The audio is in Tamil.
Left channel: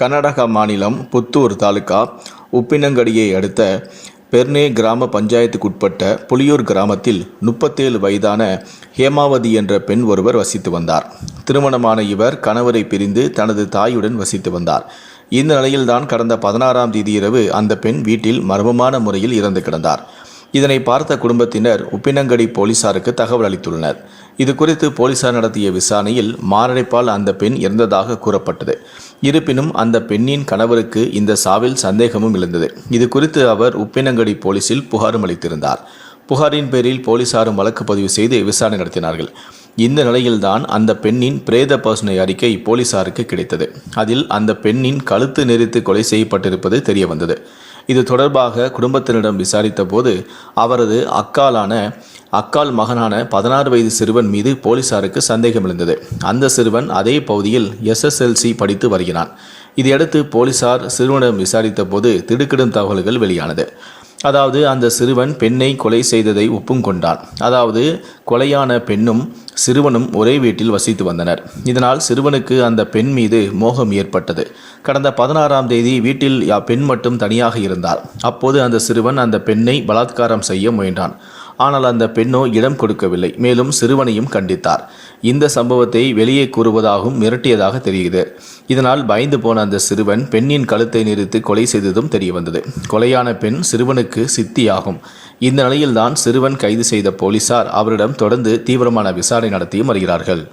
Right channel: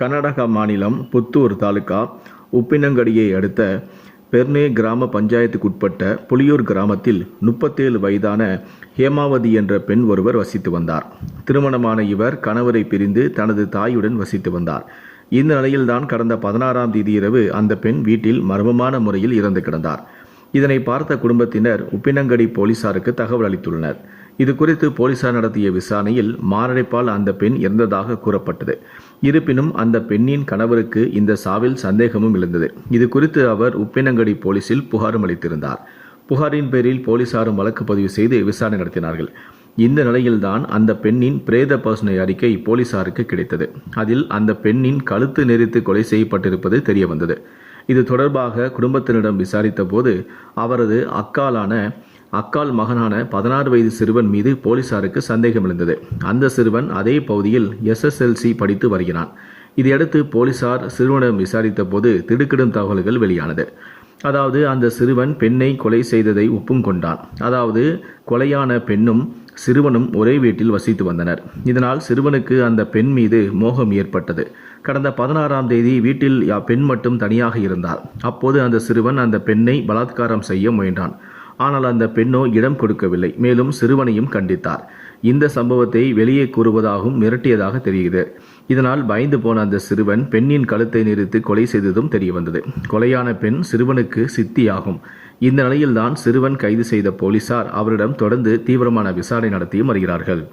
கர்நாடகா மாநிலம் புத்தூர் தாலுகா உப்பினங்கடியை அடுத்த பெர்னே கிராம பஞ்சாயத்துக்குட்பட்ட புலியூர் கிராமத்தில் முப்பத்தேழு வயதான ஹேமாவதி என்ற பெண் ஒருவர் வசித்து வந்தார். திருமணமான இவர் கணவரை பிரிந்து தனது தாயுடன் வசித்து வந்தார். இந்த நிலையில்தான் கடந்த பதினாறாம் தேதி இரவு அந்த பெண் வீட்டில் மர்மமான முறையில் இறந்து கிடந்தார். இதனை பார்த்த குடும்பத்தினர் உப்பினங்கடி போலீசாருக்கு தகவல் அளித்துள்ளனர். இது குறித்து போலீசார் நடத்திய விசாரணையில் மாரடைப்பால் அந்த பெண் இறந்ததாக கூறப்பட்டது. இருப்பினும் அந்த பெண்ணின் கணவருக்கு இந்த சாவில் சந்தேகமும் எழுந்தது. இது குறித்து அவர் உப்பினங்கடி போலீசில் புகாரும் அளித்திருந்தார். புகாரின் பேரில் போலீசாரும் வழக்கு பதிவு செய்து விசாரணை நடத்தினார்கள். இந்த நிலையில்தான் அந்த பெண்ணின் பிரேத பரிசோதனை அறிக்கை போலீசாருக்கு கிடைத்தது. அதில் அந்த பெண்ணின் கழுத்து நெரித்து கொலை செய்யப்பட்டிருப்பது தெரிய வந்தது இது தொடர்பாக குடும்பத்தினரிடம் விசாரித்த போது அவரது அக்காலான அக்கால் மகனான பதினாறு வயது சிறுவன் மீது போலீசாருக்கு சந்தேகம் எழுந்தது. அந்த சிறுவன் அதே பகுதியில் எஸ்எஸ்எல்சி படித்து வருகிறான். இதையடுத்து போலீசார் சிறுவனிடம் விசாரித்த போது திடுக்கிடும் தகவல்கள் வெளியானது. அதாவது அந்த சிறுவன் பெண்ணை கொலை செய்ததை ஒப்பும் கொண்டான். அதாவது கொலையான பெண்ணும் சிறுவனும் ஒரே வீட்டில் வசித்து வந்தனர். இதனால் சிறுவனுக்கு அந்த பெண் மீது மோகம் ஏற்பட்டது. கடந்த பதினாறாம் தேதி வீட்டில் யா- பெண் மட்டும் தனியாக இருந்தார் அப்போது அந்த சிறுவன் அந்த பெண்ணை பலாத்காரம் செய்ய முயன்றான். ஆனால் அந்த பெண்ணோ இடம் கொடுக்கவில்லை. மேலும் சிறுவனையும் கண்டித்தார். இந்த சம்பவத்தை வெளியே கூறுவதாகவும் மிரட்டியதாக தெரிகிறது இதனால் பயந்து போன அந்த சிறுவன் பெண்ணின் கழுத்தை நிறுத்து கொலை செய்ததும் தெரியவந்தது கொலையான பெண் சிறுவனுக்கு சித்தியாகும். இந்த நிலையில்தான் சிறுவன் கைது செய்த போலீசார் அவரிடம் தொடர்ந்து தீவிரமான விசாரணை நடத்தியும் வருகிறார்கள்.